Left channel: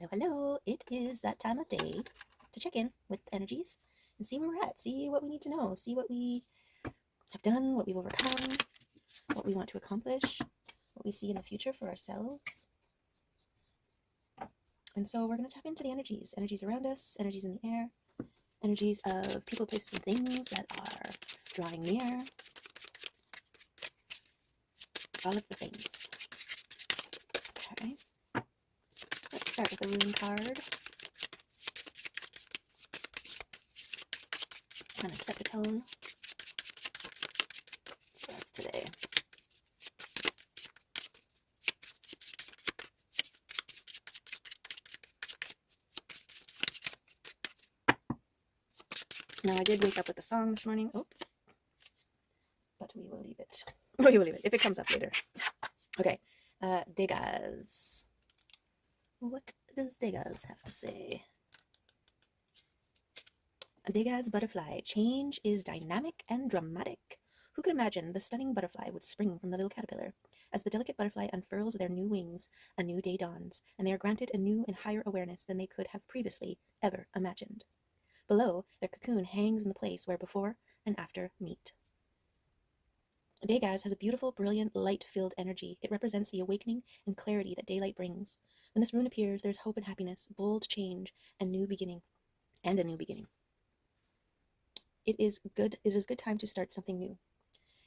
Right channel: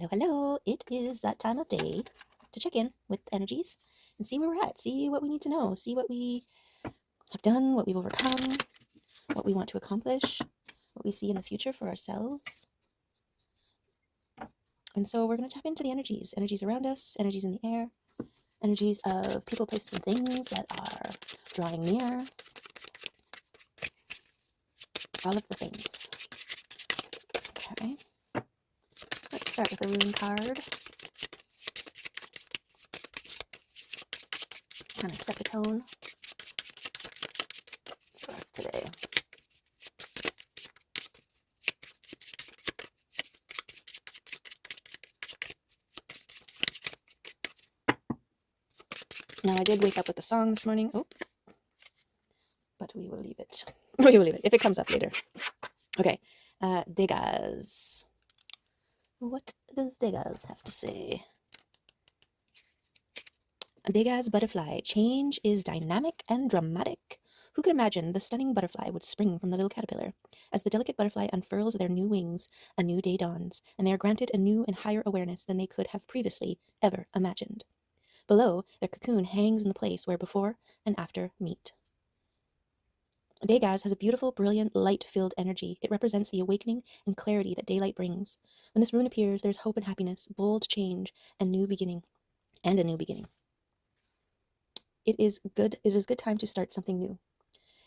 Hello, hello. It is that time of day to check in with the energies and see where we're at, see what we need to know, see what we have done, what we've overcome, what we want to accomplish, what we see in the future for ourselves. And so we're going to tap into the energies around us, energies in the air, energies of people, places, and things that are drawing near. All of the things. Okay. Let's start with a rune card. Kind of set the tone for us today. Now, I did wake up with a song this morning. Oh, but we will leave it. We will leave it if it comes up later. Okay. Degas. What does Degas have to say? Degas butterfly. Change is dynamic and dramatic. Who could imagine the stunning butterfly would spring from the little caterpillar? As the delicate butterfly unfurls their new wings, a new day dawns, and they are granted a new and higher awareness than they could have previously ever imagined. Below, their cocoon hangs in the place where before and after meet. Degas has a beautiful, brilliant, light-filled energy. It represents the awakening and clarity that daylight brings. When this rune appears, there's hope and happiness, bold change, and new beginning, and a new beginning. It is good time to start something new.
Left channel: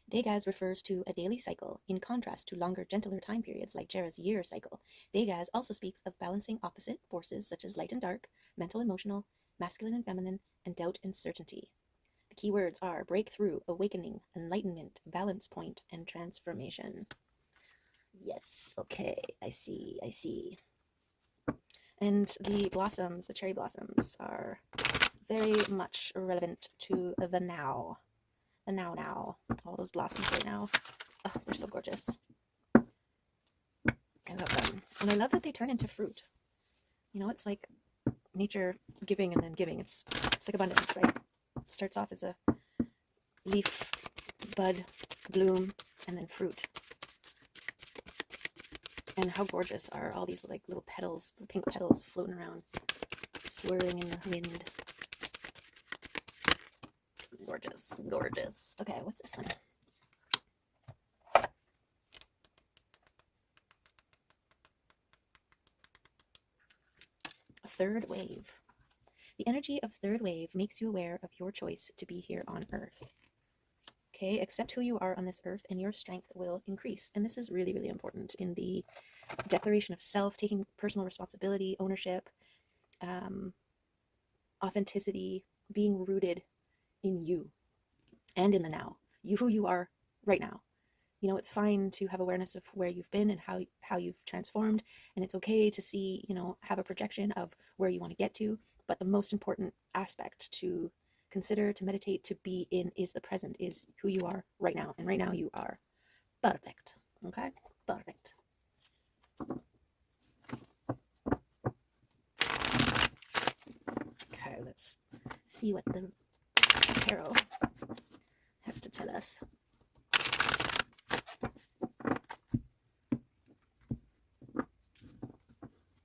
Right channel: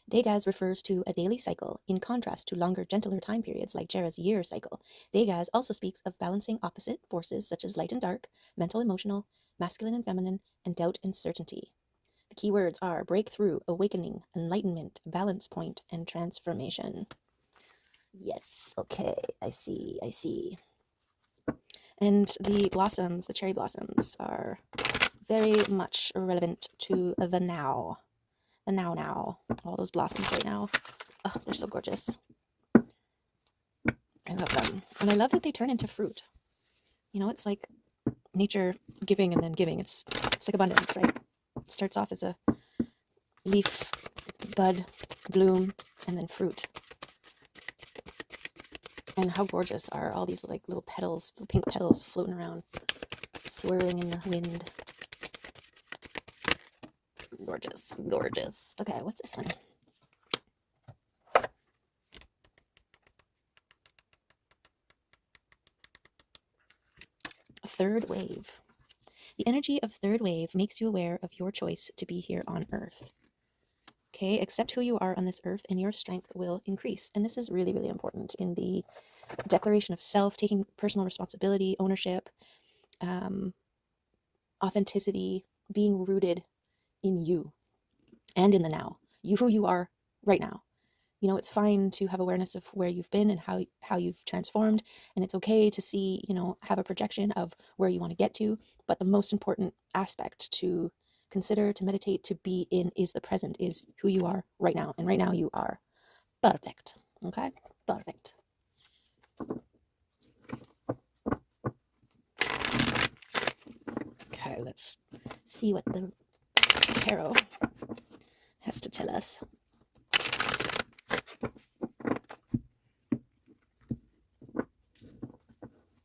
Degas refers to a daily cycle, in contrast to longer, gentler time periods like Jera's year cycle. Degas also speaks of balancing opposite forces such as light and dark, mental, emotional, masculine and feminine, and doubt and certainty. The key words are breakthrough, awakening, enlightenment, balance point, and transformation. Yes, okay, I see. And the blossoms, the cherry blossoms, are very much relevant to the now. The now. All those blossoms right now. Oh, they're so gorgeous. I love them. And I love that they turn into fruit. You know, it's like nature giving and then giving. It's like abundance, right? It starts off as a leaf, bud, bloom, and then fruit. And how gorgeous are all these like little petals, pink petals floating around, swirling in the wind. Gorgeous. Okay, what's this one? Third wave. The energy of third wave makes you aware of your choice to be here on Earth. Okay, accept who you are on this earth and your strength will increase. And this is really, really important in the declaration of self, taking personal responsibility, ownership, authenticity, being rooted in you and in the now. You, who you are right now. You know, it's fine to have awareness of where you've been and how you've transformed. And it's okay to see, you know, have a projection of where you want to get to. But the most important aspect to consider, to meditate, to be in is the present, is who you are right now. And right now you are perfect. Okay? Perfect. Okay, let's see what the tarot has to tell us.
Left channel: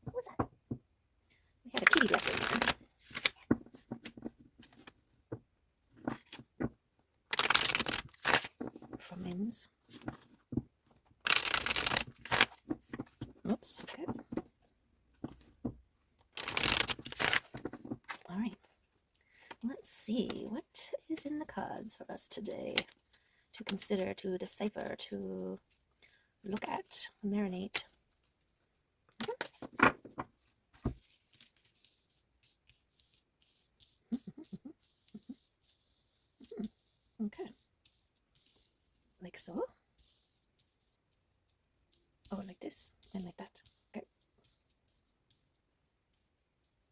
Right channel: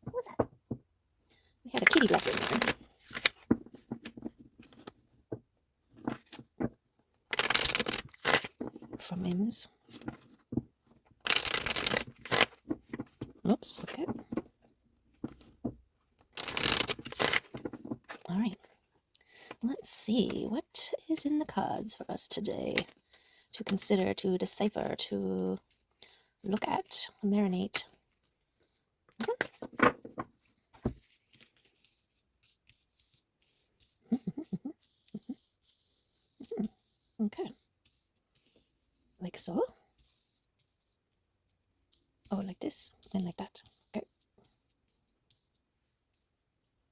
What was that? We had a kitty blessing there. From Mims. Oops, okay. All right. Let's see, what is in the cards for us today to consider, to decipher, to look at, marinate. Okay. Like so. Oh, like this and like that. Okay.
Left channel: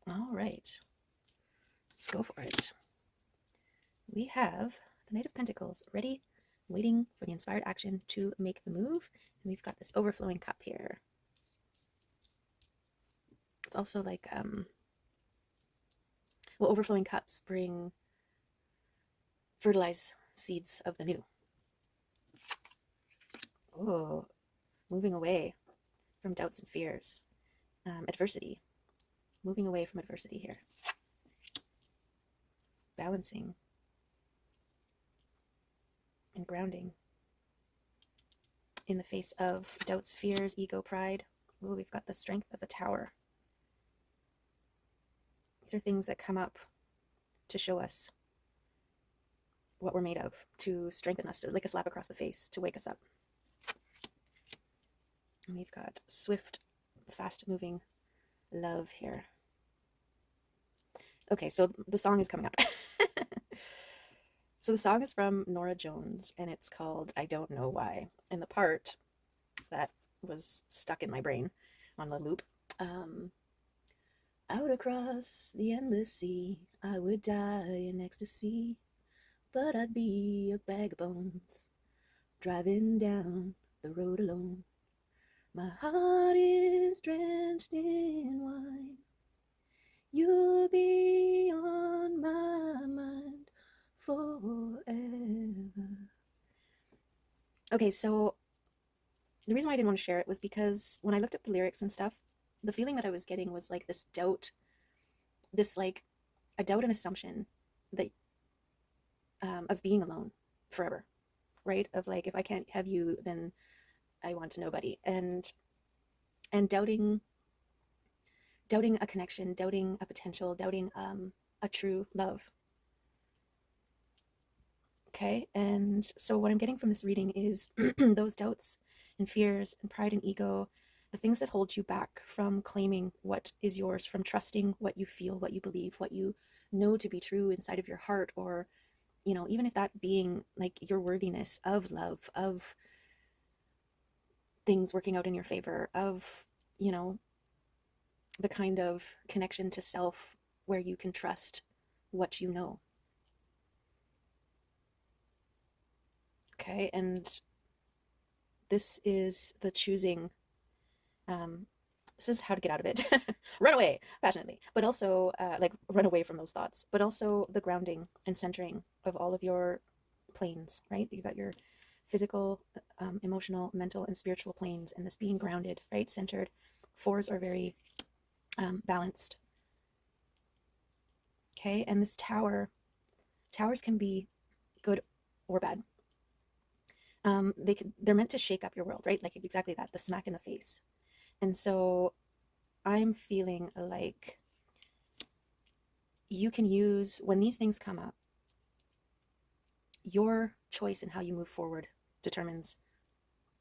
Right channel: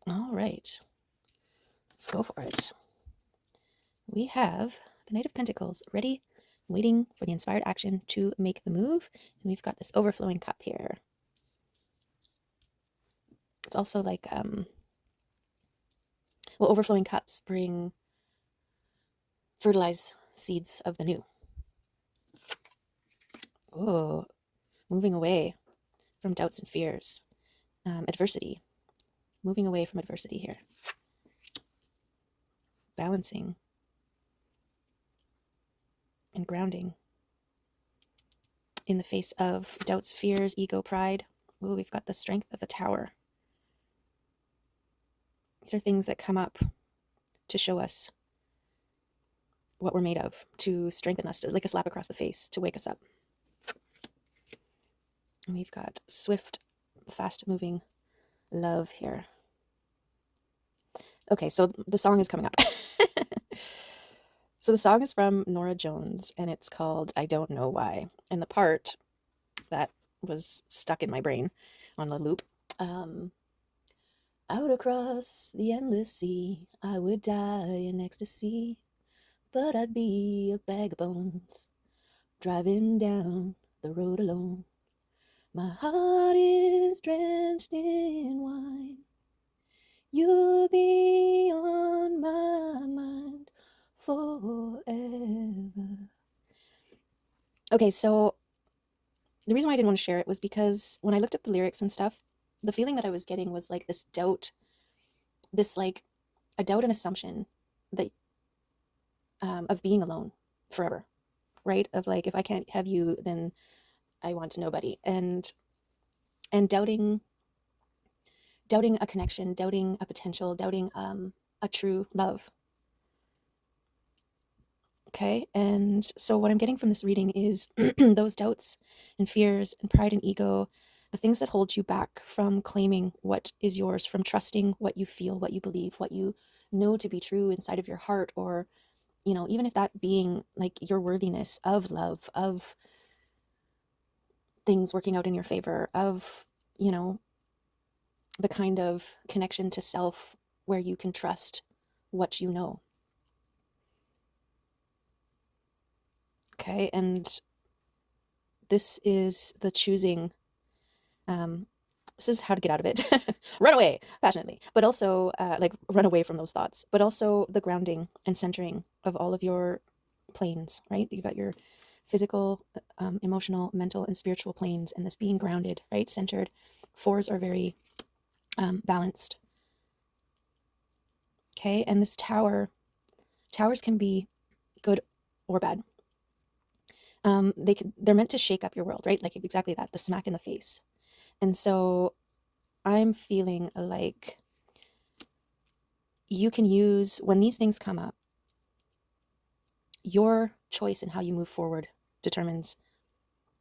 All right. Let's go for it. We have the Knight of Pentacles ready, waiting for the inspired action to make the move. And we've got this overflowing cup here. It's also like, well, overflowing cups bring fertilize seeds of the new. Oh, moving away from doubts and fears, adversity, moving away from adversity here. Balancing and grounding in the face of doubts, fears, ego, pride. Ooh, we've got the strength of a tower. These are things that come up to show us what we're made of, to strengthen us, to like a slap across the face, to wake us up. And we've got swift, fast-moving love here. Okay, so the song is coming up. So the song is from Norah Jones, and it's called I Don't Know Why. And the part that was stuck in my brain on a loop. Out across the endless sea, I would die in ecstasy, but I'd be a bag of bones, driving down the road alone. My heart is drenched in wine. You'll be on my mind forever. Okay, so the reason why I didn't want to share it was because when I looked up the lyrics and stuff, the feeling that I was getting was like this doubt, this like a doubt and assumption that of being alone forever, right? Of like, if I can't have you, then I want nobody. And doubting a connection, doubting a potential, doubting a true love. Okay, and so what I'm getting from this reading is those doubts and fears and pride and ego, the things that hold you back from claiming what is yours, from trusting what you feel, what you believe, what you know to be true inside of your heart, or, you know, even if that being like your worthiness of love, of things working out in your favor, of, you know, the kind of connection to self where you can trust what you know. Okay, and this is the choosing. This is how to get out of it. Run away passionately, but also like run away from those thoughts, but also the grounding and centering of all of your planes, right? You've got your physical, emotional, mental, and spiritual planes, and this being grounded, right? Centered. Fours are very balanced. Okay, and this towers can be good or bad. They're meant to shake up your world, right? Like exactly that, the smack in the face. And so I'm feeling like you can use, when these things come up, your choice in how you move forward determines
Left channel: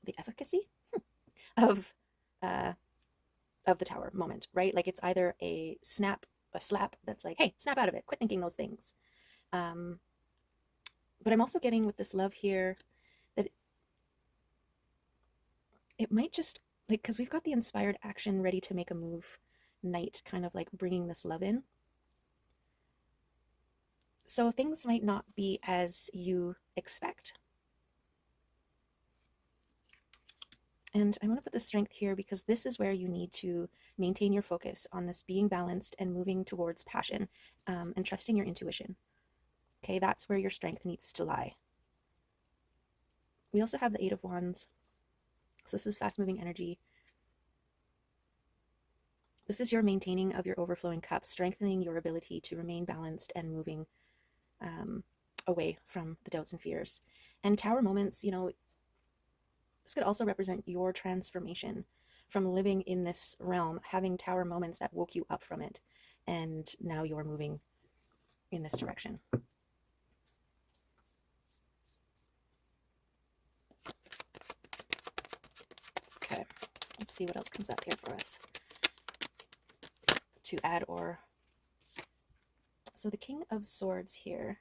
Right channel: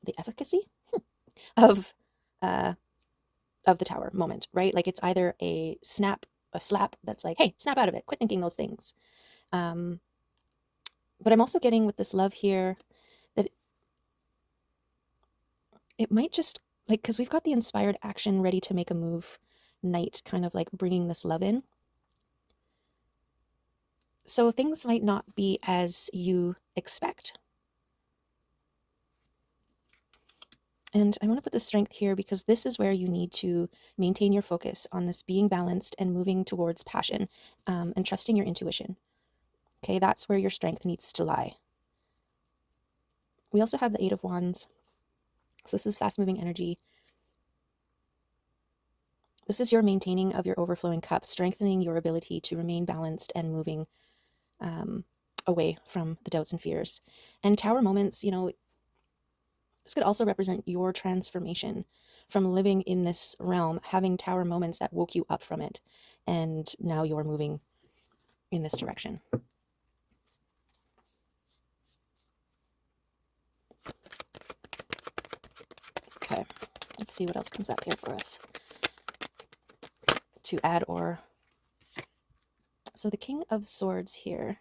the efficacy of the tower moment, right? Like it's either a slap that's like, hey, snap out of it, quit thinking those things. But I'm also getting with this love here that it might just like, because we've got the inspired action ready to make a move night, kind of like bringing this love in. So things might not be as you expect. And I want to put the strength here because this is where you need to maintain your focus on this being balanced and moving towards passion, and trusting your intuition. Okay, that's where your strength needs to lie. We also have the Eight of Wands. So this is fast-moving energy. This is your maintaining of your overflowing cup, strengthening your ability to remain balanced and moving away from the doubts and fears. And tower moments, you know, this could also represent your transformation from living in this realm, having tower moments that woke you up from it, and now you're moving in this direction. Okay, let's see what else comes up here for us to add or. So the King of Swords here.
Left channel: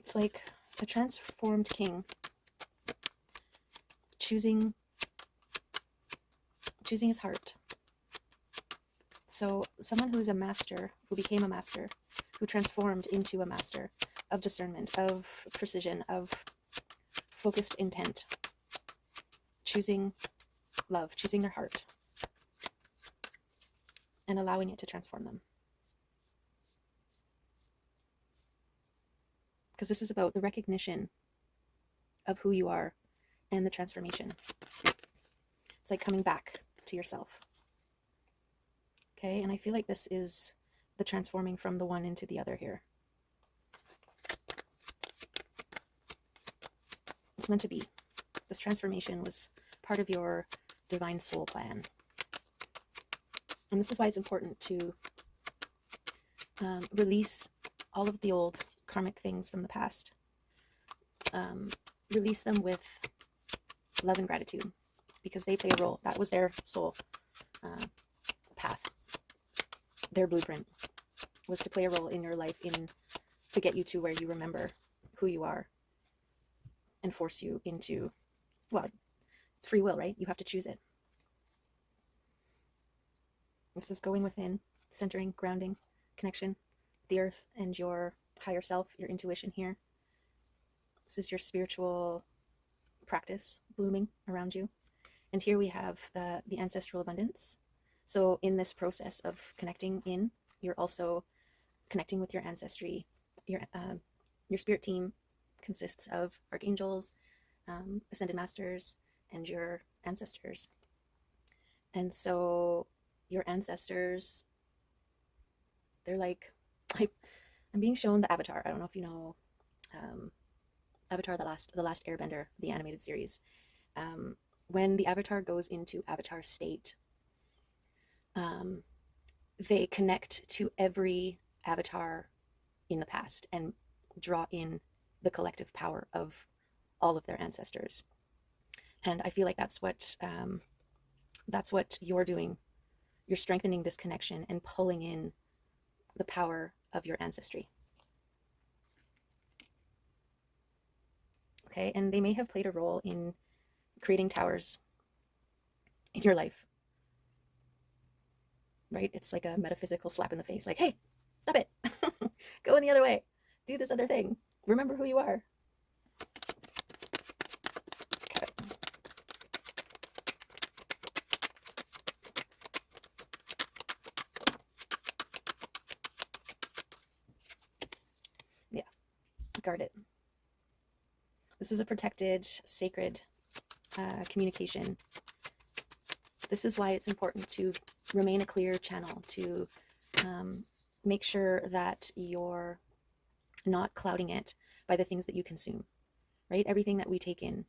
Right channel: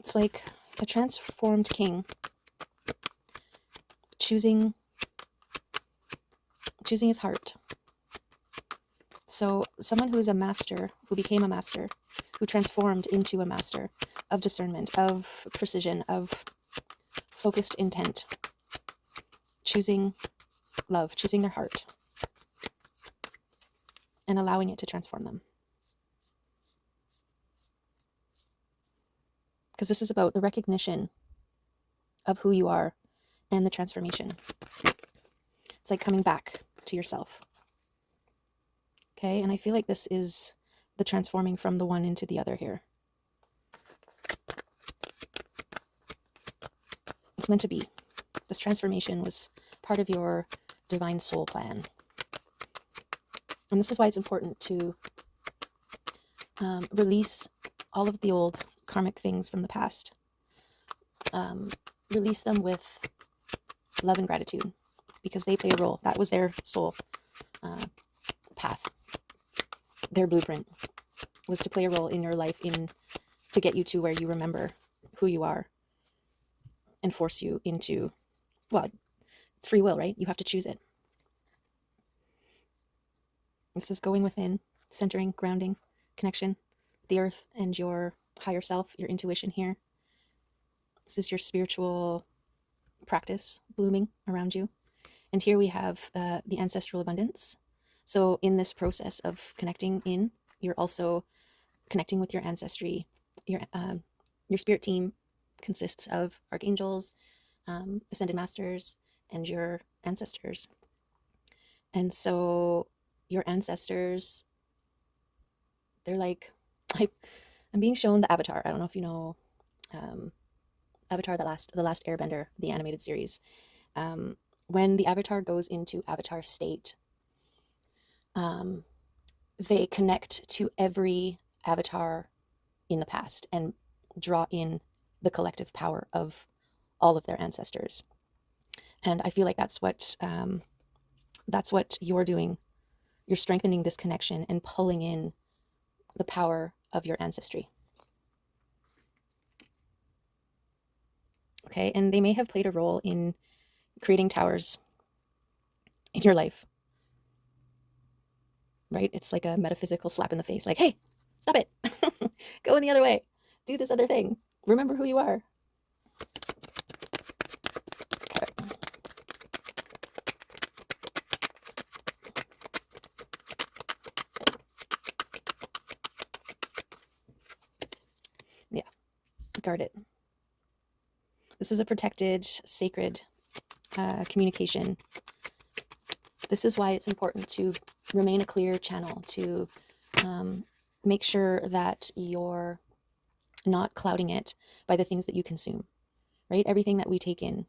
It's like a transformed king choosing his heart. So someone who is a master, who became a master, who transformed into a master of discernment, of precision, of focused intent, choosing love, choosing their heart, and allowing it to transform them. Because this is about the recognition of who you are and the transformation. It's like coming back to yourself. Okay, and I feel like this is the transforming from the one into the other here. It's meant to be. This transformation was part of your divine soul plan. And this is why it's important to release all of the old karmic things from the past. Release them with love and gratitude, because they play a role. That was their soul path. Their blueprint was to play a role in your life, to get you to where you remember who you are and force you into, well, it's free will, right? You have to choose it. This is going within, centering, grounding, connection with the earth and your higher self, your intuition here. This is your spiritual practice blooming around you. And here we have the ancestral abundance. So in this process of connecting in, you're also connecting with your ancestry. Your spirit team consists of archangels, ascended masters, and your ancestors. And so your ancestors, they're like, I'm being shown the Avatar. I don't know if you know Avatar, the last Airbender, the animated series. When the Avatar goes into Avatar state, they connect to every Avatar in the past and draw in the collective power of all of their ancestors. And I feel like that's what you're doing. You're strengthening this connection and pulling in the power of your ancestry. Okay, and they may have played a role in creating towers in your life, right? It's like a metaphysical slap in the face, like, hey, stop it. Go in the other way. Do this other thing. Remember who you are. Okay. Yeah, guard it. This is a protected, sacred communication. This is why it's important to remain a clear channel, to make sure that you're not clouding it by the things that you consume, right? Everything that we take in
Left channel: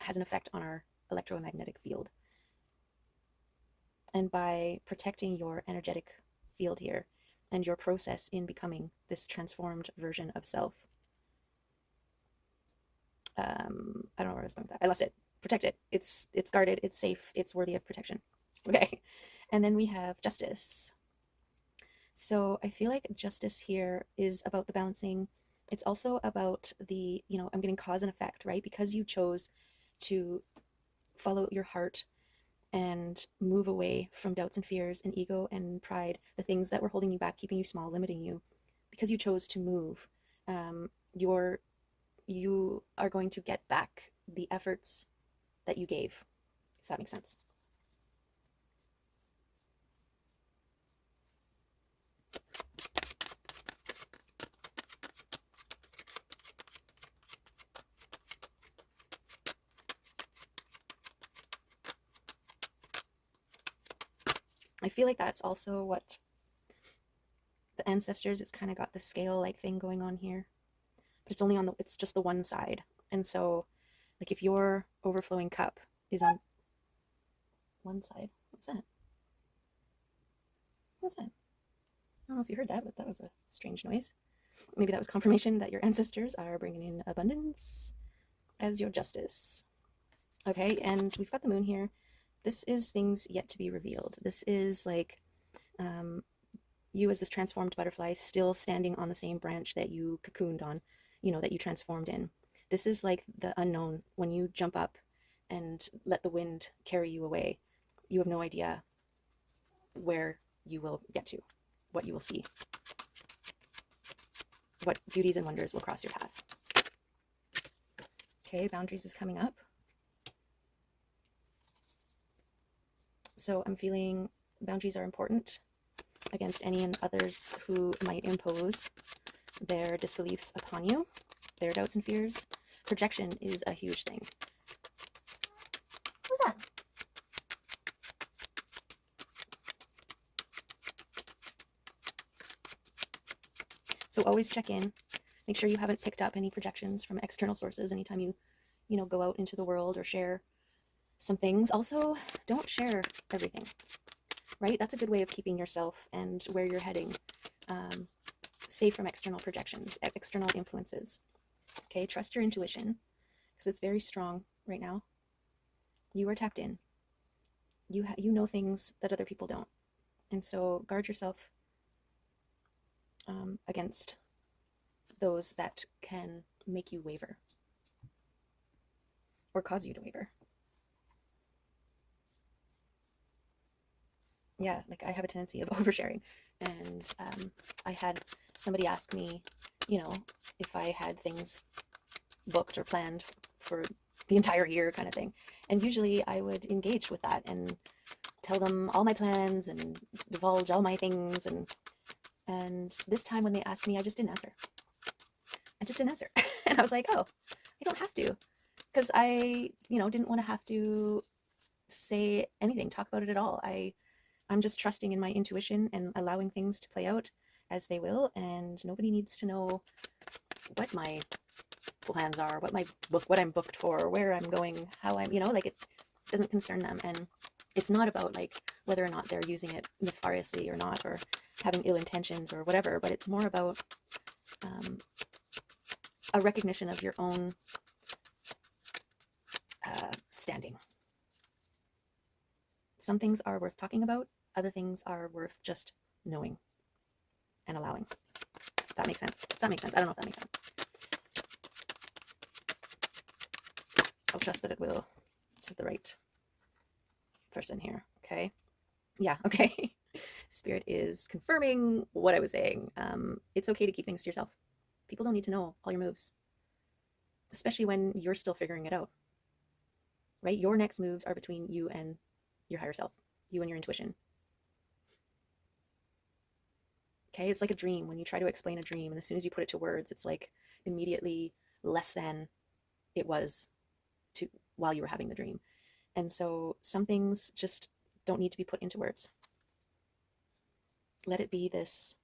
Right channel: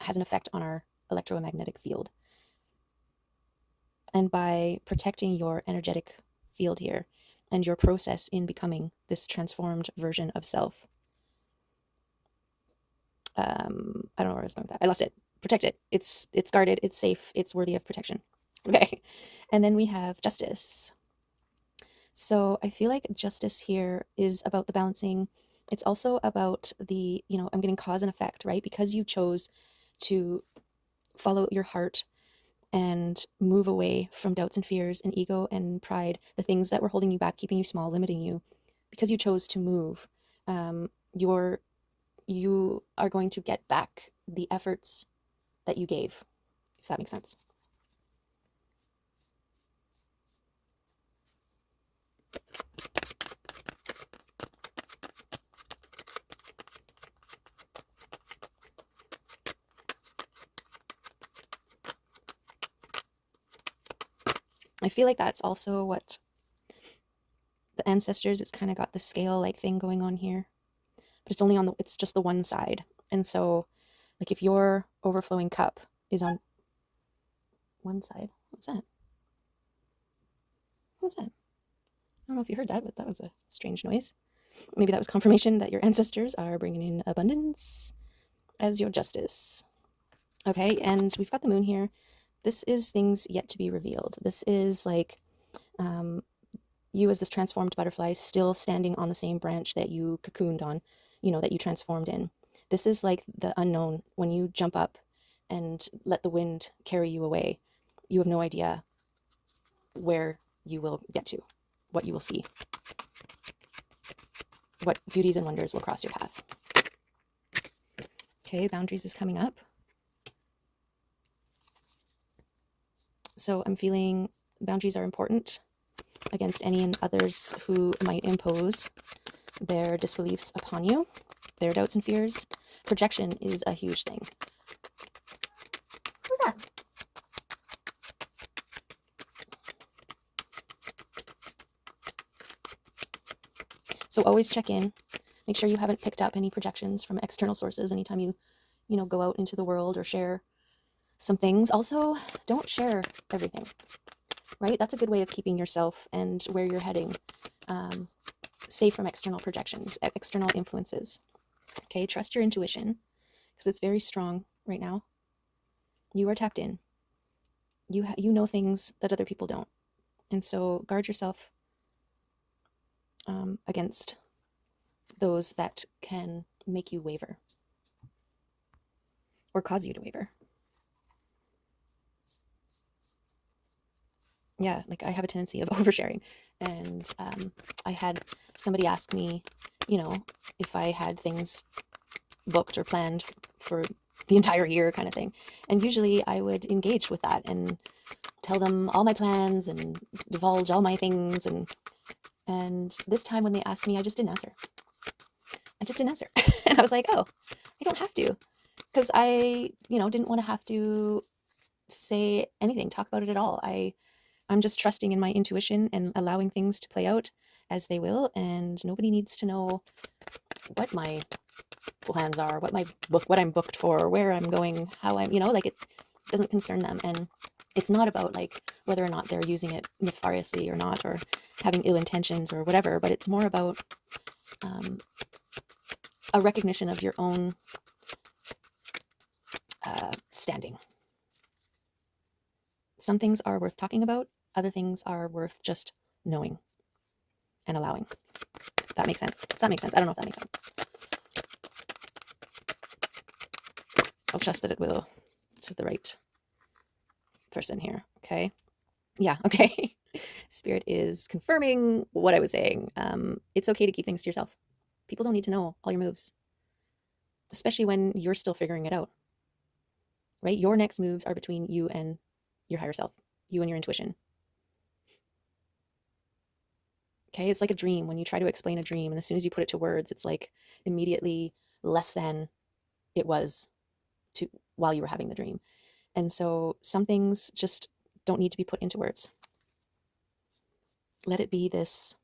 has an effect on our electromagnetic field. And by protecting your energetic field here and your process in becoming this transformed version of self, I don't know where I was going with that. I lost it. Protect it. It's guarded. It's safe. It's worthy of protection. Okay. And then we have justice. So I feel like justice here is about the balancing. It's also about the, I'm getting cause and effect, right? Because you chose to follow your heart and move away from doubts and fears and ego and pride, the things that were holding you back, keeping you small, limiting you. Because you chose to move, you are going to get back the efforts that you gave, if that makes sense. I feel like that's also what the ancestors, it's kind of got the scale like thing going on here, but it's only on it's just the one side. And so like if your overflowing cup is on one side, what's that? What's that? I don't know if you heard that, but that was a strange noise. Maybe that was confirmation that your ancestors are bringing in abundance as your justice. Okay, and we've got the moon here. This is things yet to be revealed. This is like you as this transformed butterfly still standing on the same branch that you cocooned on, that you transformed in. This is like the unknown. When you jump up and let the wind carry you away, you have no idea where you will get to, what you will see, what beauties and wonders will cross your path. Okay, boundaries is coming up. So I'm feeling boundaries are important against any and others who might impose their disbeliefs upon you, their doubts and fears. Projection is a huge thing. Who's that? So always check in. Make sure you haven't picked up any projections from external sources anytime you go out into the world or share some things. Also, don't share everything, right? That's a good way of keeping yourself and where you're heading safe from external projections, external influences. Okay, trust your intuition because it's very strong right now. You are tapped in. You know things that other people don't. And so guard yourself against those that can make you waver or cause you to waver. Yeah, like I have a tendency of oversharing. And I had somebody ask me, if I had things booked or planned for the entire year kind of thing. And usually I would engage with that and tell them all my plans and divulge all my things. And this time when they asked me, I just didn't answer. And I was like, oh, I don't have to. Because I, didn't want to have to say anything, talk about it at all. I'm just trusting in my intuition and allowing things to play out as they will. And nobody needs to know what my plans are, what I'm booked for, where I'm going, how I'm, like it doesn't concern them. And it's not about like whether or not they're using it nefariously or not, or having ill intentions or whatever, but it's more about a recognition of your own standing. Some things are worth talking about, other things are worth just knowing and allowing. That makes sense. I don't know if that makes sense. I'll trust that it will to the right person here. Okay. Yeah. Okay. Spirit is confirming what I was saying. It's okay to keep things to yourself. People don't need to know all your moves, especially when you're still figuring it out, right? Your next moves are between you and your higher self, you and your intuition. Okay. It's like a dream. When you try to explain a dream, and as soon as you put it to words, it's like immediately less than it was while you were having the dream. And so some things just don't need to be put into words. Let it be this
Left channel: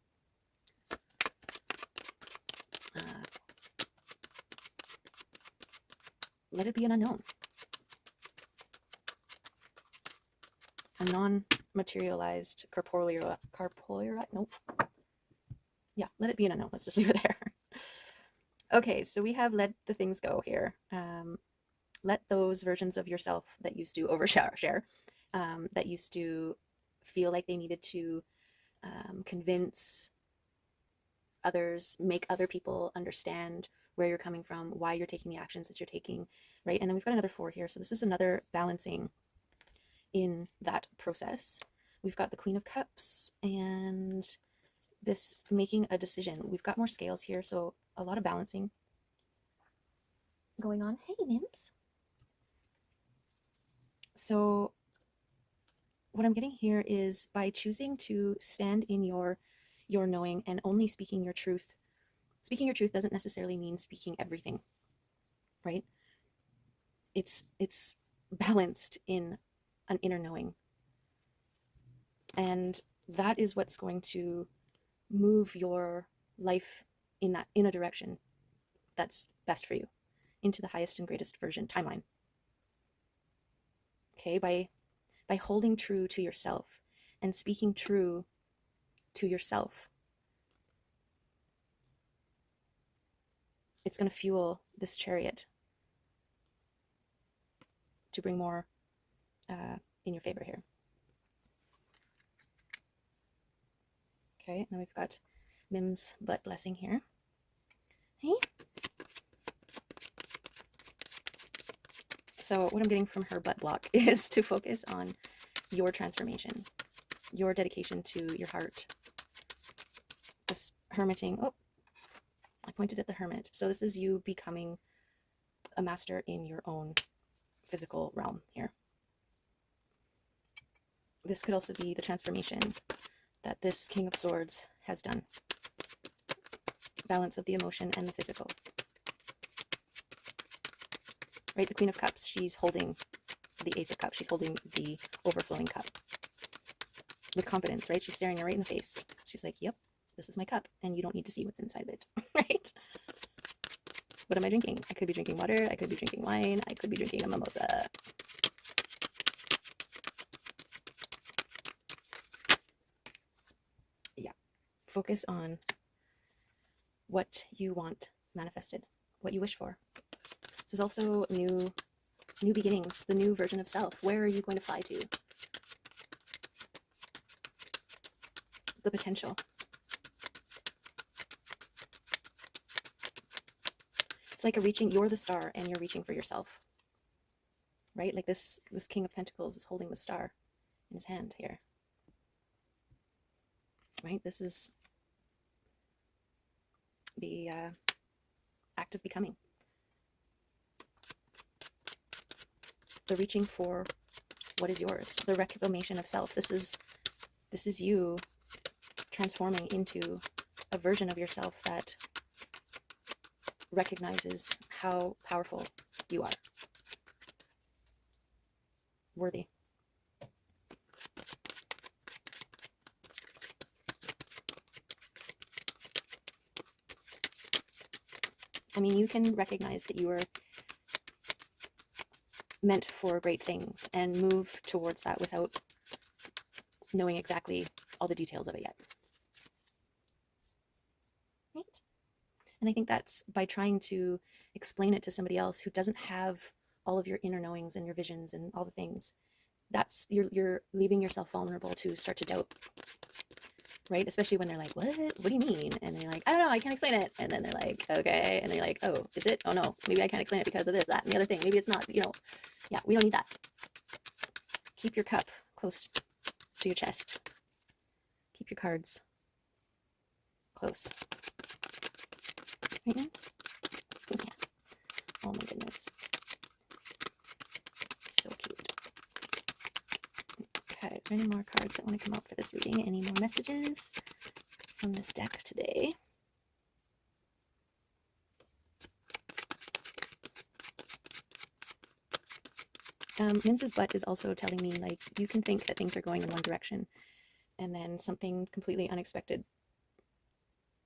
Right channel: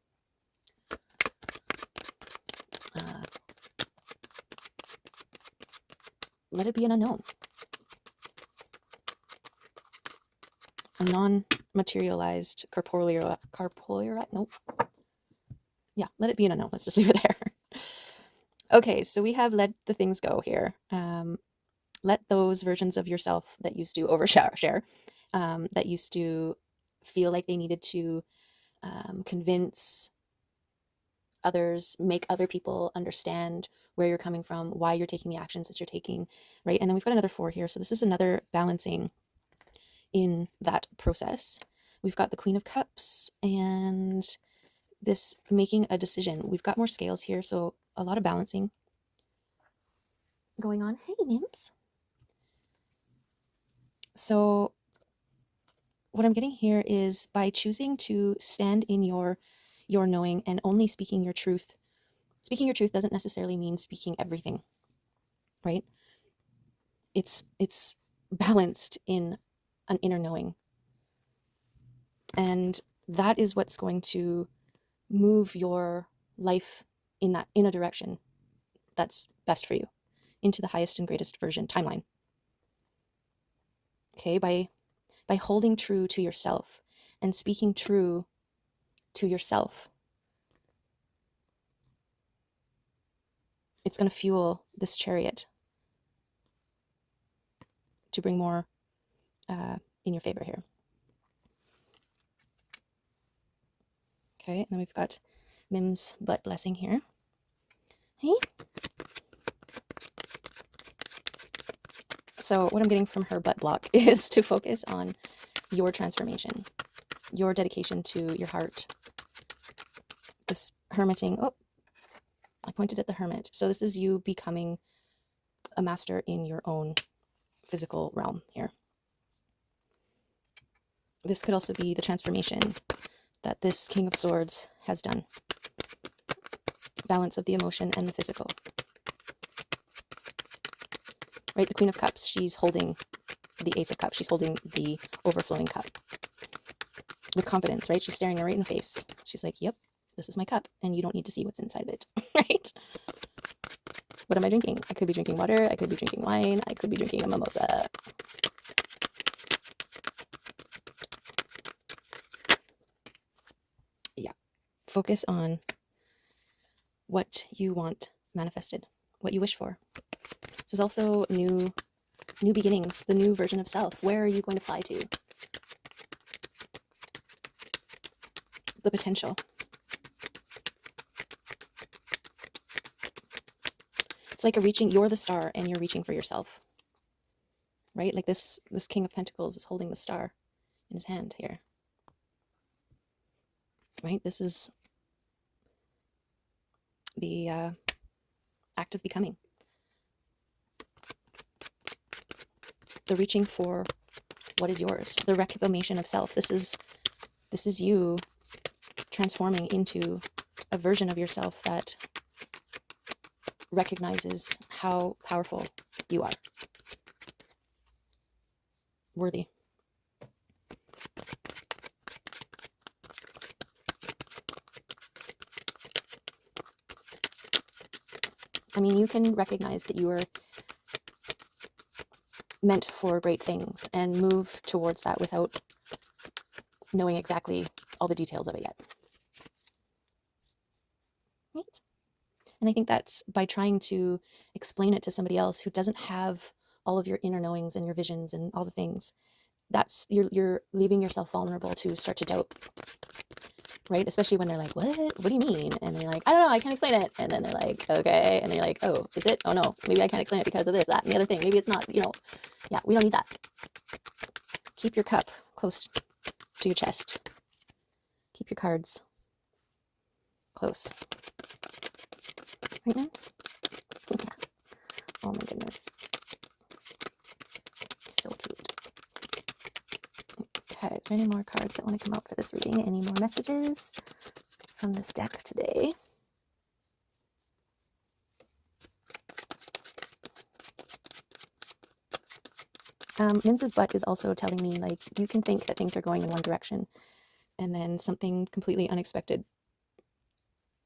let it be an unknown, a non-materialized corporeal nope. Yeah, let it be an unknown. Let's just leave it there. Okay, so we have let the things go here. Let those versions of yourself that used to overshare, that used to feel like they needed to convince others, make other people understand where you're coming from, why you're taking the actions that you're taking, right? And then we've got another 4 here. So this is another balancing in that process. We've got the Queen of Cups and this making a decision. We've got more scales here, so a lot of balancing going on. Hey, nymphs. So what I'm getting here is by choosing to stand in your knowing and only speaking your truth. Speaking your truth doesn't necessarily mean speaking everything, right? It's balanced in an inner knowing. And that is what's going to move your life in a direction that's best for you, into the highest and greatest version timeline. Okay, by holding true to yourself and speaking true to yourself, it's going to fuel this chariot to bring more in your favor here. Okay, and then we've got Mim's butt blessing here. Hey. So what I'm getting from her butt block is to focus on your transformation, your dedication to your heart. This hermiting. Oh, I pointed at the hermit. So this is you becoming a master in your own physical realm here. This could also be the transformation that this King of Swords has done. Balance of the emotion and the physical. Right, the Queen of Cups, she's holding the Ace of Cups. She's holding the overflowing cup with confidence, right? She's staring her right in the face. She's like, yep, this is my cup, and you don't need to see what's inside of it, right? What am I drinking? I could be drinking water, I could be drinking wine, I could be drinking a mimosa. Yeah, focus on what you want manifested, what you wish for. This is also new beginnings, the new version of self. Where are you going to fly to? The potential. It's like you're the star and you're reaching for yourself, right? Like this King of Pentacles is holding the star in his hand here, right? This is the act of becoming, the reaching for what is yours, the reclamation of self. This is you transforming into a version of yourself that recognizes how powerful you are, worthy. I mean, you can recognize that you are meant for great things and move towards that without knowing exactly all the details of it yet. Right? And I think that's by trying to explain it to somebody else who doesn't have all of your inner knowings and your visions and all the things, that's you're leaving yourself vulnerable to start to doubt, right? Especially when they're like, what do you mean? And they're like, I don't know, I can't explain it. And then they're like, okay. And they're like, oh, is it? Oh no, maybe I can't explain it because of this, that, and the other thing. Maybe it's not, yeah, we don't need that. Keep your cup close to your chest. Keep your cards close. Right, guys? Oh my goodness. So cute. Okay, is there any more cards that want to come out for this reading? Any more messages from this deck today? Mims's butt is also telling me, like, you can think that things are going in one direction and then something completely unexpected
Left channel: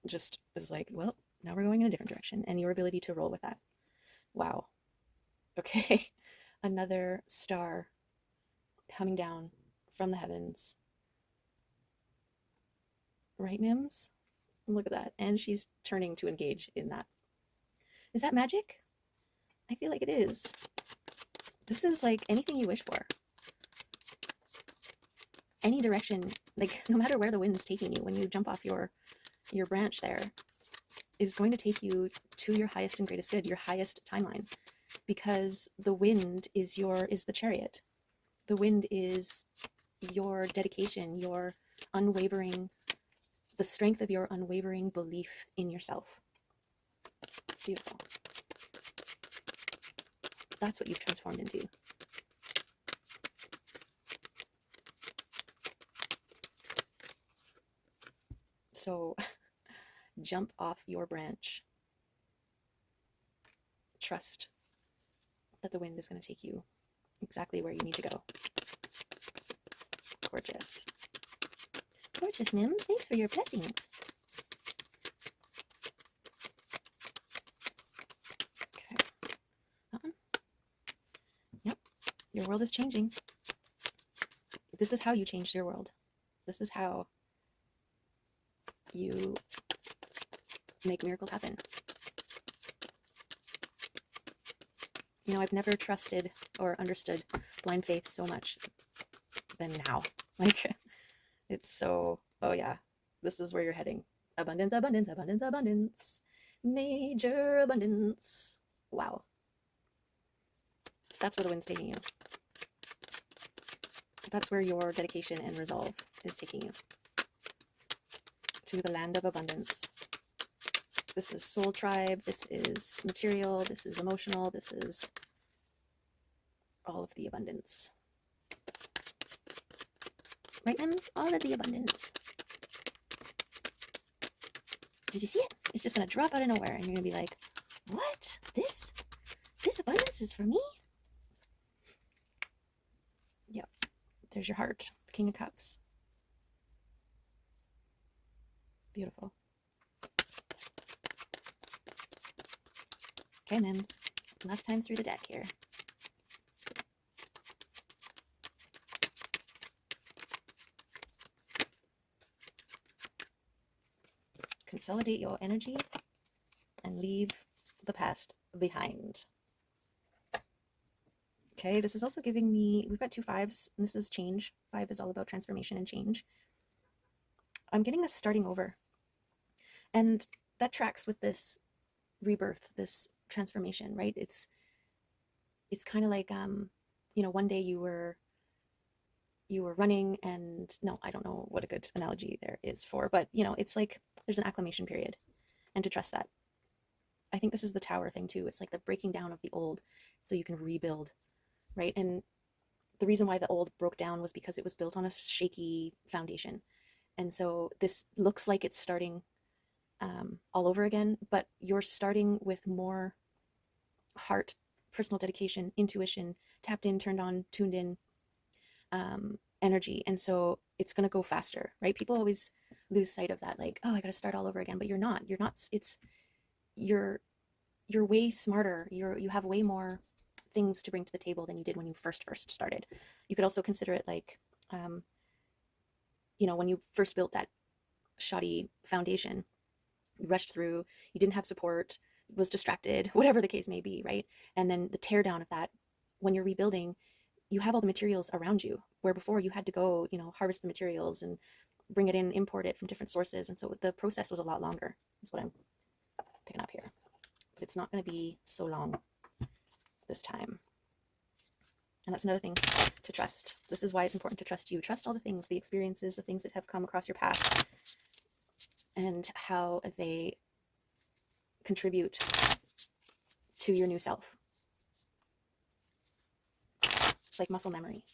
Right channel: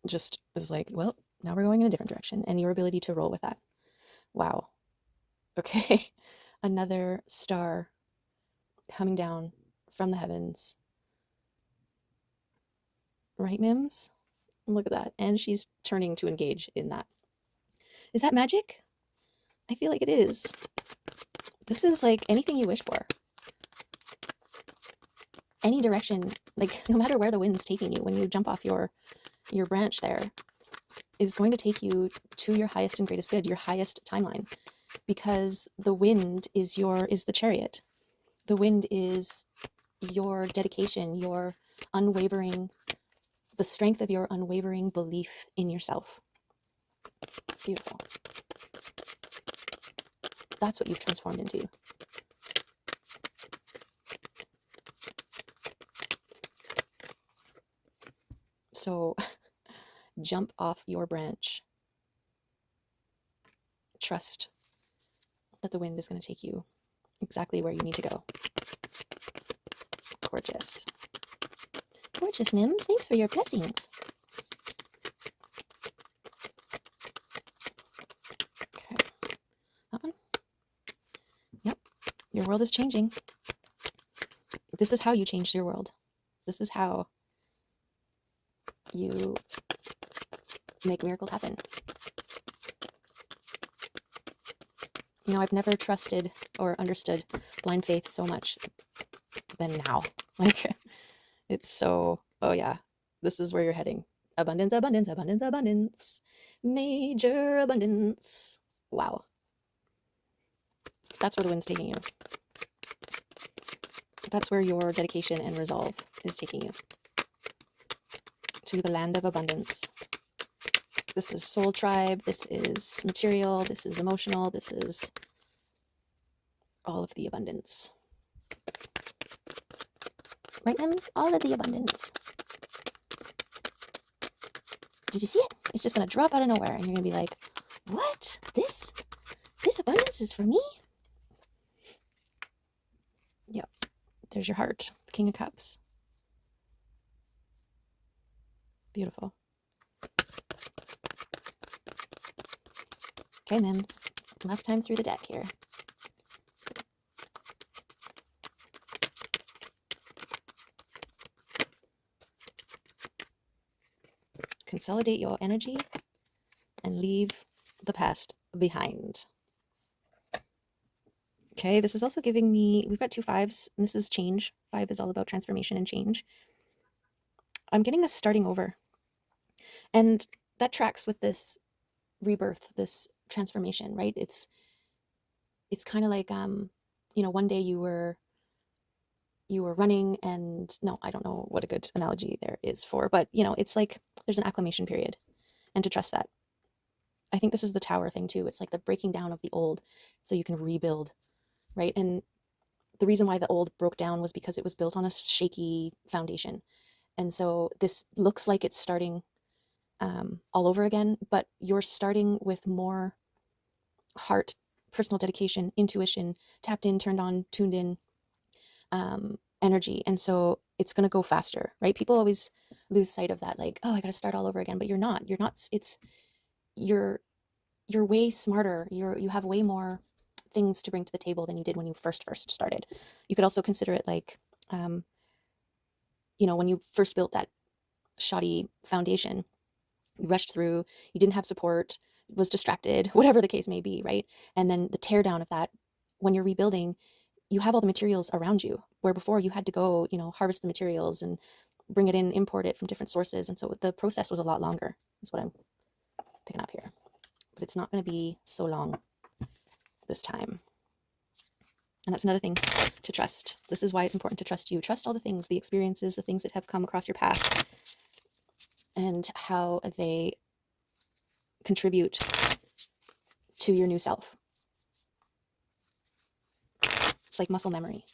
just is like, well, now we're going in a different direction, and your ability to roll with that. Wow. Okay. Another star coming down from the heavens. Right, Mims? Look at that. And she's turning to engage in that. Is that magic? I feel like it is. This is like anything you wish for. Any direction, like no matter where the wind's taking you, when you jump off your branch there, is going to take you to your highest and greatest good, your highest timeline. Because the wind is the chariot. The wind is your dedication, your unwavering, the strength of your unwavering belief in yourself. Beautiful. That's what you've transformed into. So jump off your branch. Trust that the wind is going to take you exactly where you need to go. Gorgeous. Gorgeous, Mims. Thanks for your blessings. Okay. That one? Yep. Your world is changing. This is how you changed your world. This is how you make miracles happen. I've never trusted or understood blind faith so much than now. Like, it's so, oh yeah, this is where you're heading. Abundance, abundance, abundance, abundance. Major abundance. Wow. That's where the wind's taking you. That's where your dedication and resolve is taking you. To the land of abundance. This is soul tribe. This is material. This is emotional. This is all of the abundance. Right, Mims? All of the abundance. Did you see it? It's just going to drop out of nowhere, and you're going to be like, what? This abundance is for me? Yep. There's your heart, the King of Cups. Beautiful. Okay, Mims. Last time through the deck here. Consolidate your energy and leave the past behind. Okay, this is also giving me, we've got 2 5s, and this is change. 5 is all about transformation and change. I'm getting us starting over. And that tracks with this rebirth, this transformation, right? It's kind of like, one day you were running, and no, I don't know what a good analogy there is for, but it's like there's an acclimation period, and to trust that. I think this is the tower thing too. It's like the breaking down of the old so you can rebuild, right? And the reason why the old broke down was because it was built on a shaky foundation. And so this looks like it's starting all over again, but you're starting with more heart, personal dedication, intuition, tapped in, turned on, tuned in, energy. And so it's going to go faster, right? People always lose sight of that, like, oh, I got to start all over again. But you're not. You're way smarter. You have way more things to bring to the table than you did when you first started. You could also consider it like, when you first built that shoddy foundation, you rushed through, you didn't have support, was distracted, whatever the case may be, right? And then the tear down of that, when you're rebuilding, you have all the materials around you, where before you had to go, harvest the materials and bring it in, import it from different sources. And so the process was a lot longer, is what I'm picking up here. But it's not going to be so long this time. And that's another thing to trust. This is why it's important to trust you. Trust all the things, the experiences, the things that have come across your path, and how they contribute to your new self. It's like muscle memory.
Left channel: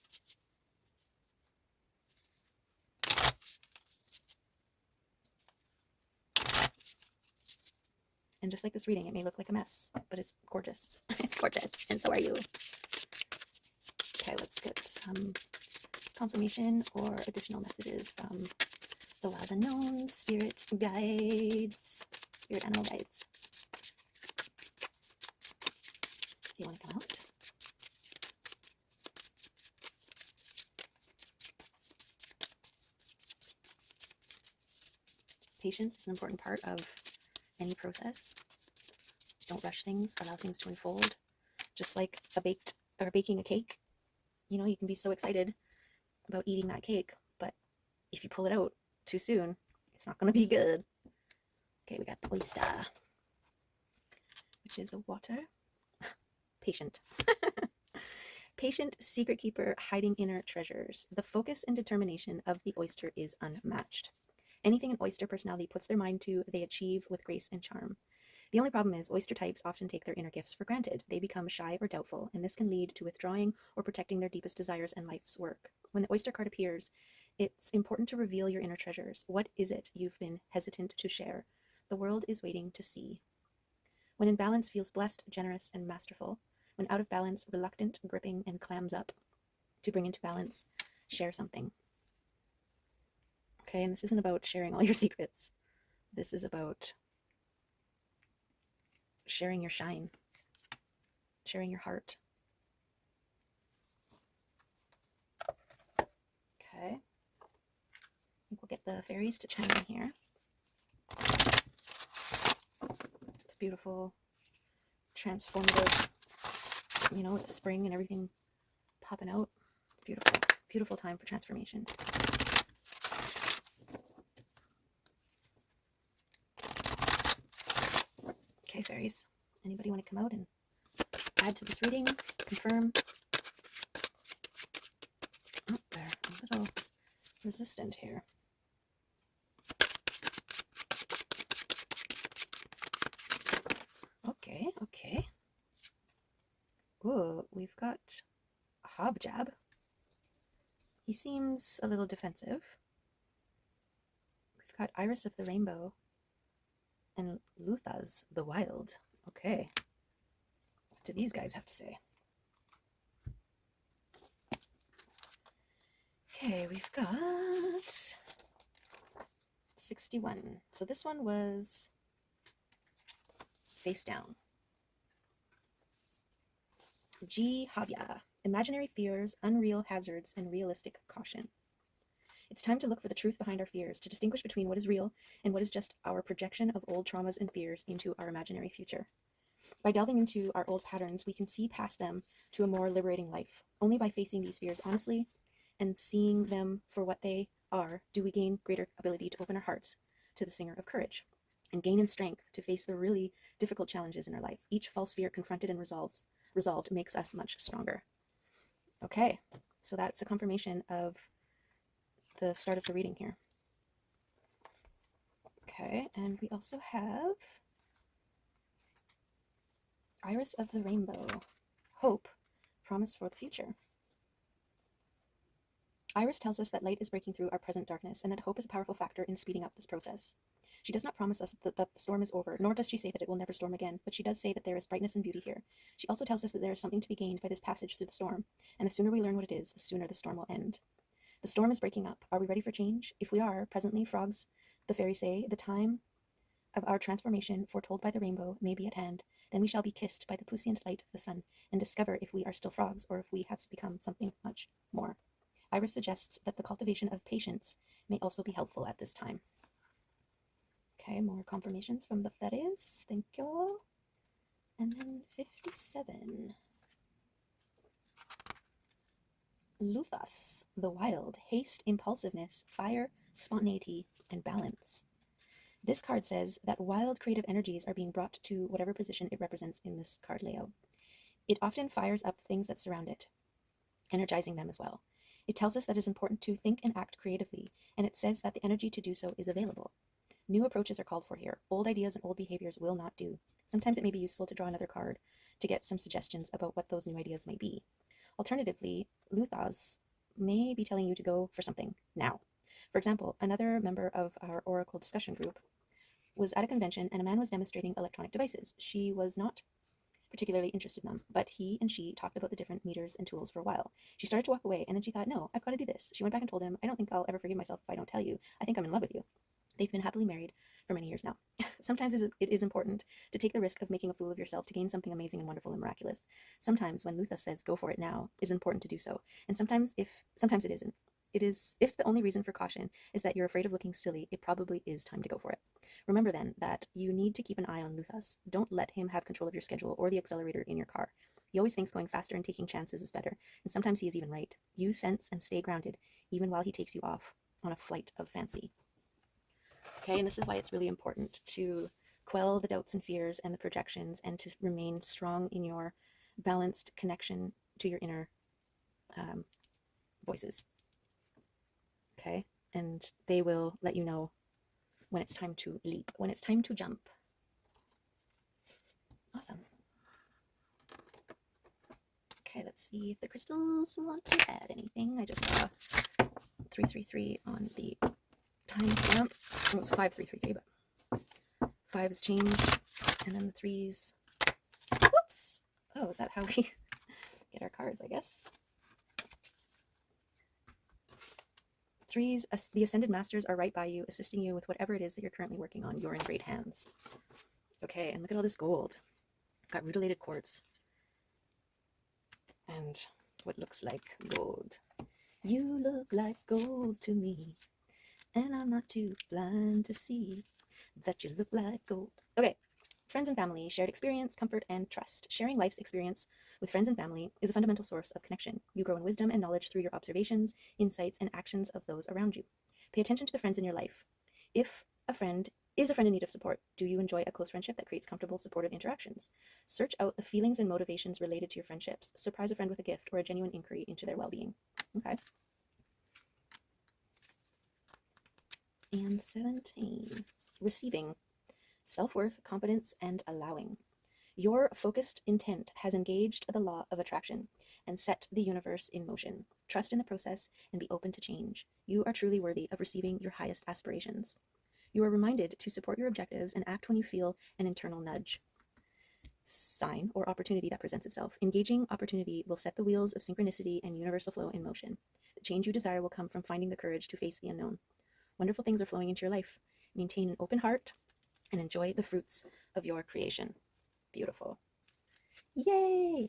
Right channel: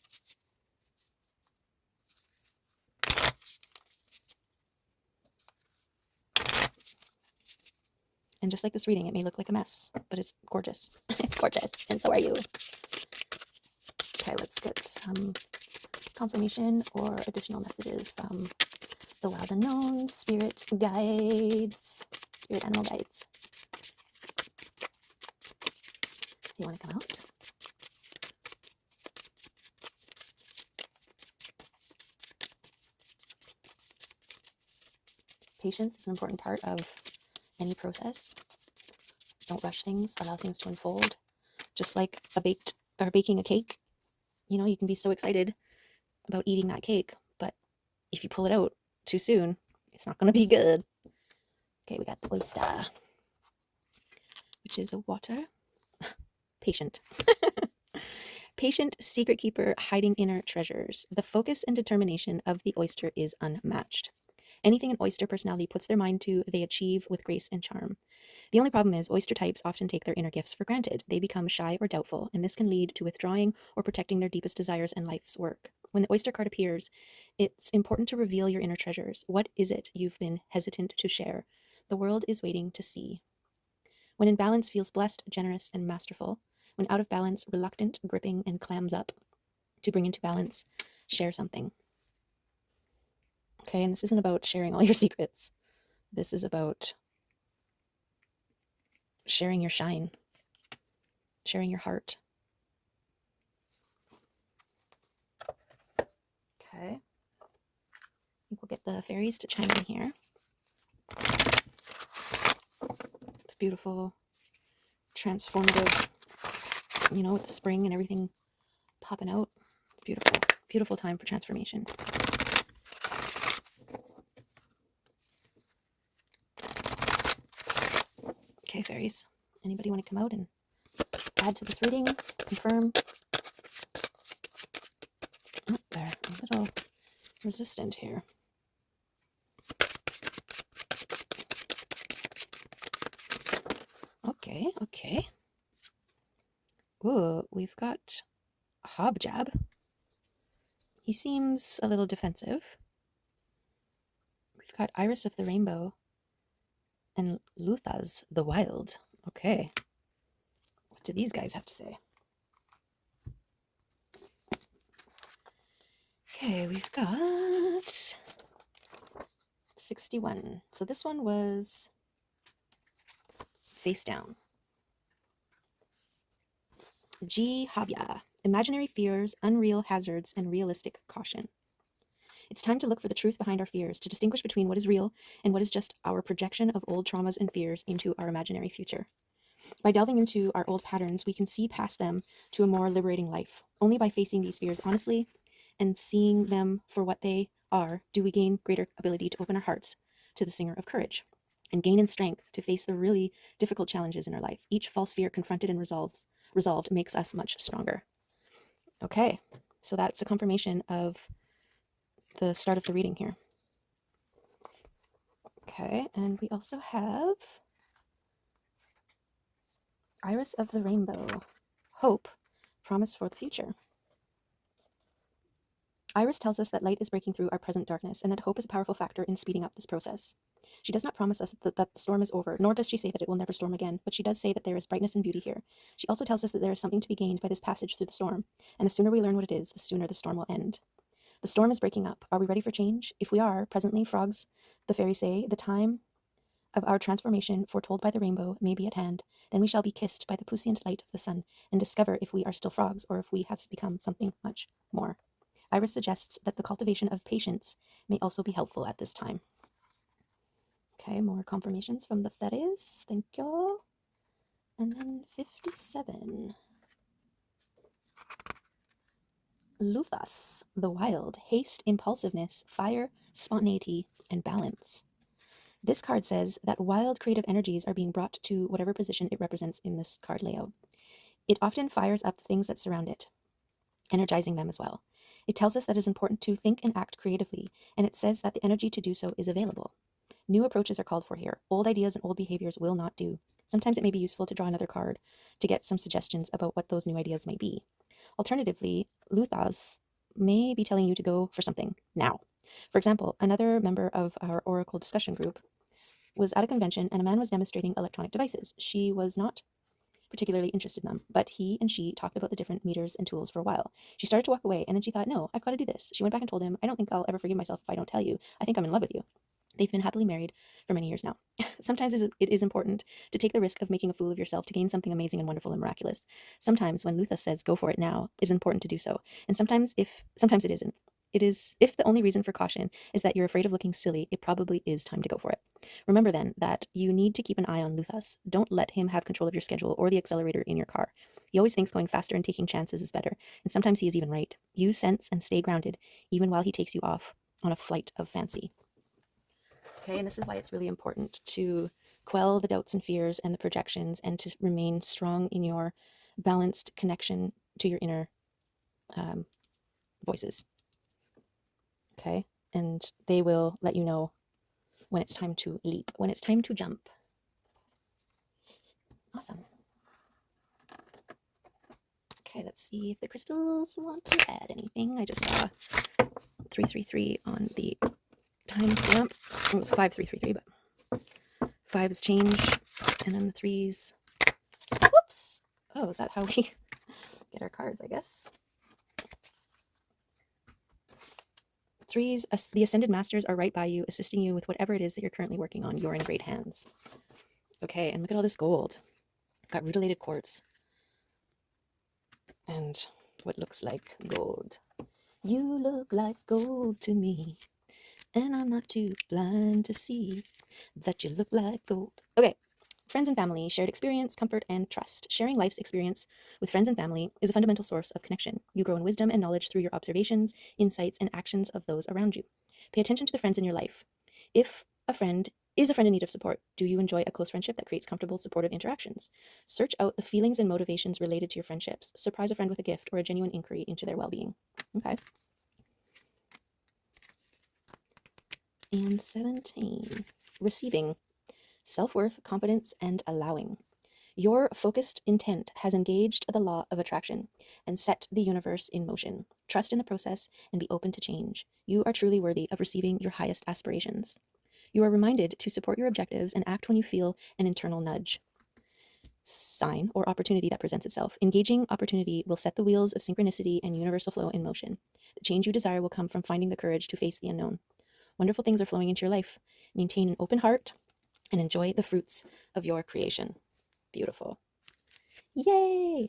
And just like this reading, it may look like a mess, but it's gorgeous. It's gorgeous, and so are you. Okay, let's get some confirmation or additional messages from the wild unknown, spirit guides, spirit animal guides. You want to come out? Patience is an important part of any process. Don't rush things, allow things to unfold. Just like baking a cake, you can be so excited about eating that cake, but if you pull it out too soon, it's not going to be good. Okay, we got the oyster, which is a water. Patient. Patient secret keeper hiding inner treasures. The focus and determination of the oyster is unmatched. Anything an oyster personality puts their mind to, they achieve with grace and charm. The only problem is oyster types often take their inner gifts for granted. They become shy or doubtful, and this can lead to withdrawing or protecting their deepest desires and life's work. When the oyster card appears, it's important to reveal your inner treasures. What is it you've been hesitant to share? The world is waiting to see. When in balance, feels blessed, generous, and masterful. When out of balance, reluctant, gripping, and clams up. To bring into balance, share something. Okay, and this isn't about sharing all your secrets. This is about sharing your shine, sharing your heart. Okay. I think we'll get the fairies to chime in here. It's beautiful, transformative, with the spring and everything popping out. It's beautiful, beautiful time for transformation. Okay, fairies, anybody want to come out and add to this reading, confirm? Oh, they're a little resistant here. Okay. Ooh, we've got Hobjab. He seems a little defensive. We've got Iris of the Rainbow and Luthaz the Wild. Okay. What do these guys have to say? Okay, we've got 6 61. So this one was face down. G. Havya. Imaginary fears, unreal hazards, and realistic caution. It's time to look for the truth behind our fears, to distinguish between what is real and what is just our projection of old traumas and fears into our imaginary future. By delving into our old patterns, we can see past them to a more liberating life. Only by facing these fears honestly and seeing them for what they are do we gain greater ability to open our hearts to the singer of courage and gain in strength to face the really difficult challenges in our life. Each false fear confronted and resolved makes us much stronger. Okay, so that's a confirmation of the start of the reading here. Okay, and we also have Iris of the Rainbow. Hope, promise for the future. Iris tells us that light is breaking through our present darkness and that hope is a powerful factor in speeding up this process. She does not promise us that the storm is over, nor does she say that it will never storm again, but she does say that there is brightness and beauty here. She also tells us that there is something to be gained by this passage through the storm, and the sooner we learn what it is, the sooner the storm will end. The storm is breaking up. Are we ready for change? If we are, presently, frogs, the fairies say, the time of our transformation, foretold by the rainbow, may be at hand. Then we shall be kissed by the puissant light of the sun and discover if we are still frogs or if we have become something much more. Iris suggests that the cultivation of patience may also be helpful at this time. Okay, more confirmations from the fairies. Thank you. And then 57. Luthas, the wild, haste, impulsiveness, fire, spontaneity, and balance. This card says that wild creative energies are being brought to whatever position it represents in this card layout. It often fires up the things that surround it, energizing them as well. It tells us that it is important to think and act creatively, and it says that the energy to do so is available. New approaches are called for here. Old ideas and old behaviors will not do. Sometimes it may be useful to draw another card to get some suggestions about what those new ideas might be. Alternatively, Luthas may be telling you to go for something now. For example, another member of our Oracle discussion group was at a convention and a man was demonstrating electronic devices. She was not particularly interested in them, but he and she talked about the different meters and tools for a while. She started to walk away, and then she thought, no, I've got to do this. She went back and told him, I don't think I'll ever forgive myself if I don't tell you. I think I'm in love with you. They've been happily married for many years now. Sometimes it is important to take the risk of making a fool of yourself to gain something amazing and wonderful and miraculous. Sometimes when Lutha says go for it now, it is important to do so. And sometimes it isn't. It is, if the only reason for caution is that you're afraid of looking silly, it probably is time to go for it. Remember then that you need to keep an eye on Luthas. Don't let him have control of your schedule or the accelerator in your car. He always thinks going faster and taking chances is better, and sometimes he is even right. Use sense and stay grounded, even while he takes you off on a flight of fancy. Okay, and this is why it's really important to quell the doubts and fears and the projections and to remain strong in your balanced connection to your inner voices. Okay, and they will let you know when it's time to leap, when it's time to jump. Awesome. Okay, let's see if the crystals want to add anything. I just saw 333 on the timestamp. It was 5333, but 5 is changed, and then the 3s. Whoops! Oh, is that how we get our cards, I guess? 3s, the Ascended Masters are right by you, assisting you with whatever it is that you're currently working on. You're in great hands. Okay, and look at all this gold. Got rutilated quartz. And what looks like gold. You look like gold to me, and I'm not too blind to see that you look like gold. Okay, friends and family, shared experience, comfort, and trust. Sharing life's experience with friends and family is a fundamental source of connection. You grow in wisdom and knowledge through your observations, insights, and actions of those around you. Pay attention to the friends in your life. If a friend is a friend in need of support, do you enjoy a close friendship that creates comfortable, supportive interactions? Search out the feelings and motivations related to your friendships. Surprise a friend with a gift or a genuine inquiry into their well-being. Okay. And 17, receiving, self-worth, confidence, and allowing. Your focused intent has engaged the law of attraction and set the universe in motion. Trust in the process and be open to change. You are truly worthy of receiving your highest aspirations. You are reminded to support your objectives and act when you feel an internal nudge, sign, or opportunity that presents itself. Engaging opportunity will set the wheels of synchronicity and universal flow in motion. The change you desire will come from finding the courage to face the unknown. Wonderful things are flowing into your life, Maintain an open heart and enjoy the fruits of your creation. Beautiful. Yay!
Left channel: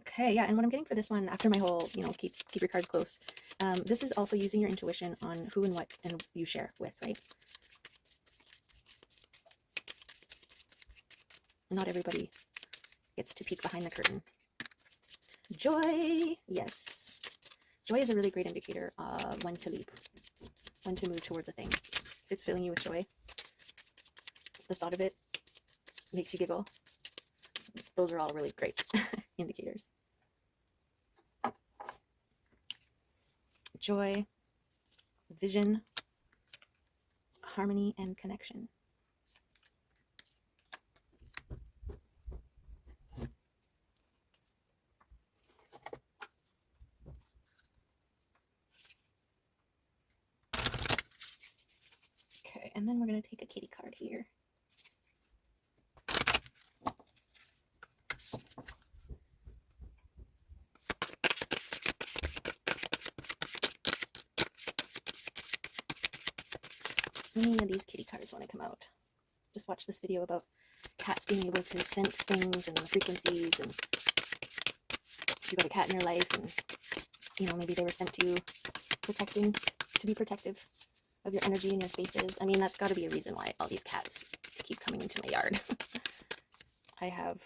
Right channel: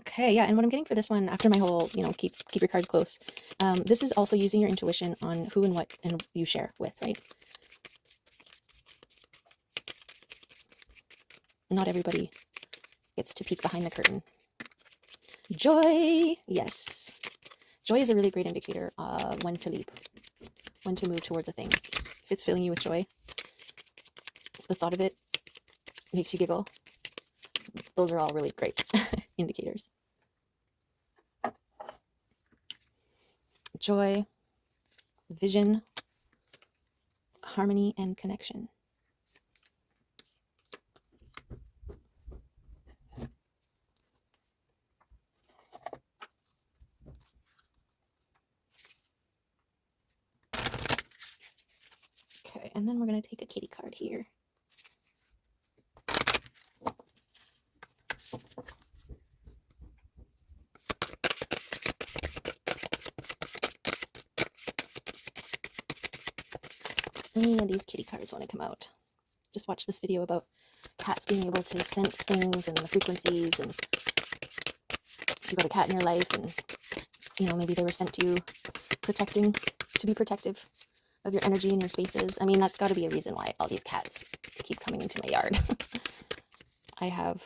Okay, yeah, and what I'm getting for this one, after my whole, keep your cards close, this is also using your intuition on who and what and you share with, right? Not everybody gets to peek behind the curtain. Joy, yes. Joy is a really great indicator of when to leap, when to move towards a thing. If it's filling you with joy, the thought of it makes you giggle. Those are all really great indicators. Joy, vision, harmony, and connection. Okay, and then we're going to take a kitty card here. Any of these kitty cards want to come out. Just watch this video about cats being able to sense things and the frequencies, and if you got a cat in your life and maybe they were sent to you to be protective of your energy and your spaces. I mean, that's got to be a reason why all these cats keep coming into my yard. I have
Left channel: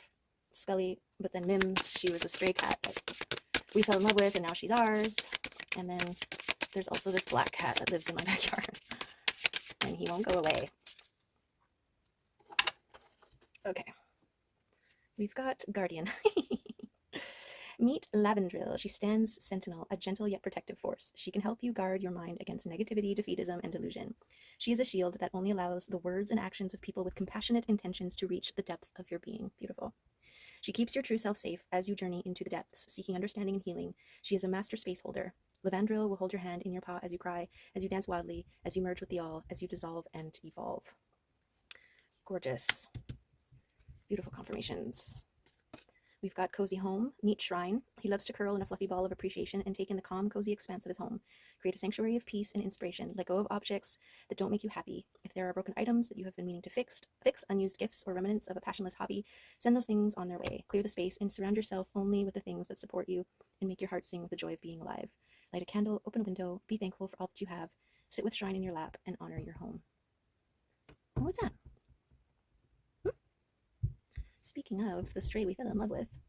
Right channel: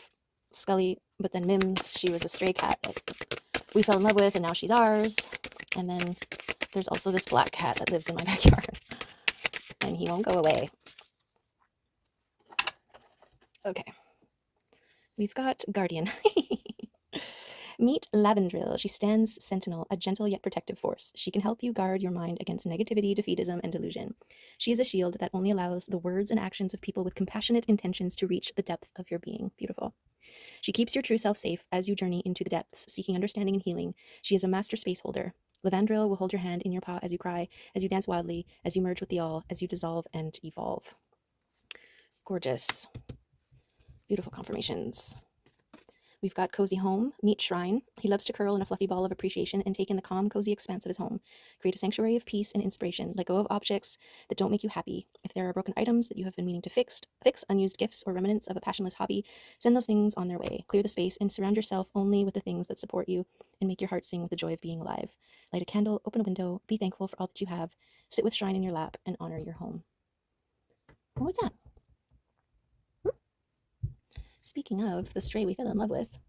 Scully, but then Mims, she was a stray cat that we fell in love with, and now she's ours. And then there's also this black cat that lives in my backyard, and he won't go away. Okay, we've got Guardian. Meet Lavendril. She stands sentinel, a gentle yet protective force. She can help you guard your mind against negativity, defeatism, and delusion. She is a shield that only allows the words and actions of people with compassionate intentions to reach the depth of your being. Beautiful. She keeps your true self safe as you journey into the depths, seeking understanding and healing. She is a master space holder. Lavendril will hold your hand in your paw as you cry, as you dance wildly, as you merge with the all, as you dissolve and evolve. Gorgeous. Beautiful confirmations. We've got Cozy Home, Meet Shrine. He loves to curl in a fluffy ball of appreciation and take in the calm, cozy expanse of his home. Create a sanctuary of peace and inspiration. Let go of objects that don't make you happy. If there are broken items that you have been meaning to fix, unused gifts or remnants of a passionless hobby, send those things on their way. Clear the space and surround yourself only with the things that support you and make your heart sing with the joy of being alive. Light a candle, open a window, be thankful for all that you have. Sit with Shrine in your lap and honor your home. Oh, what's that? Speaking of the stray we fell in love with.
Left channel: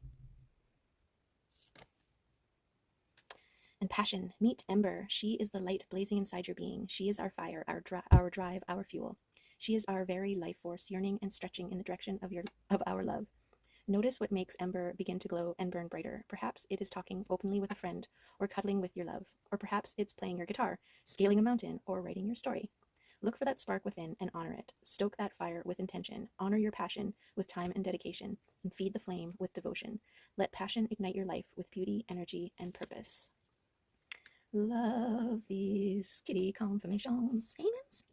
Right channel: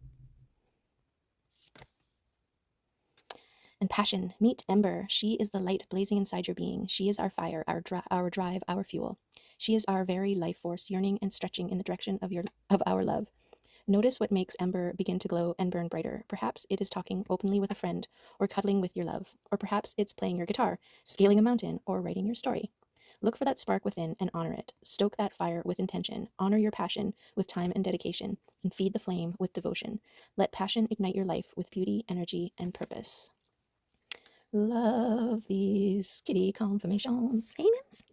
And passion, meet Ember. She is the light blazing inside your being. She is our fire, our drive, our fuel. She is our very life force, yearning and stretching in the direction of our love. Notice what makes Ember begin to glow and burn brighter. Perhaps it is talking openly with a friend, or cuddling with your love, or perhaps it's playing your guitar, scaling a mountain, or writing your story. Look for that spark within and honor it. Stoke that fire with intention. Honor your passion with time and dedication, and feed the flame with devotion. Let passion ignite your life with beauty, energy, and purpose. Love these kitty confirmations. Hey, Mims.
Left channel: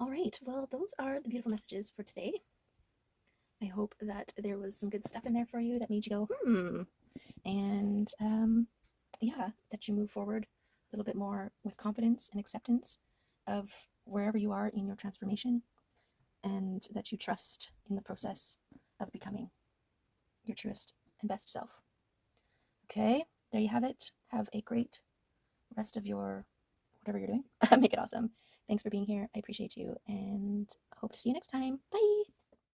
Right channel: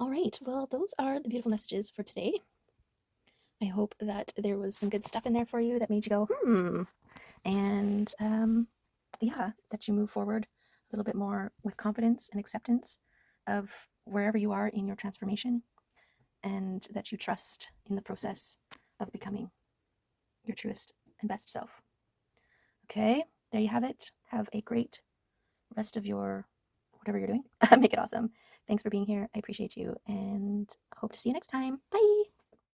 All right, well, those are the beautiful messages for today. I hope that there was some good stuff in there for you that made you go, and yeah, that you move forward a little bit more with confidence and acceptance of wherever you are in your transformation, and that you trust in the process of becoming your truest and best self. Okay, there you have it. Have a great rest of your whatever you're doing. Make it awesome. Thanks for being here. I appreciate you and hope to see you next time. Bye.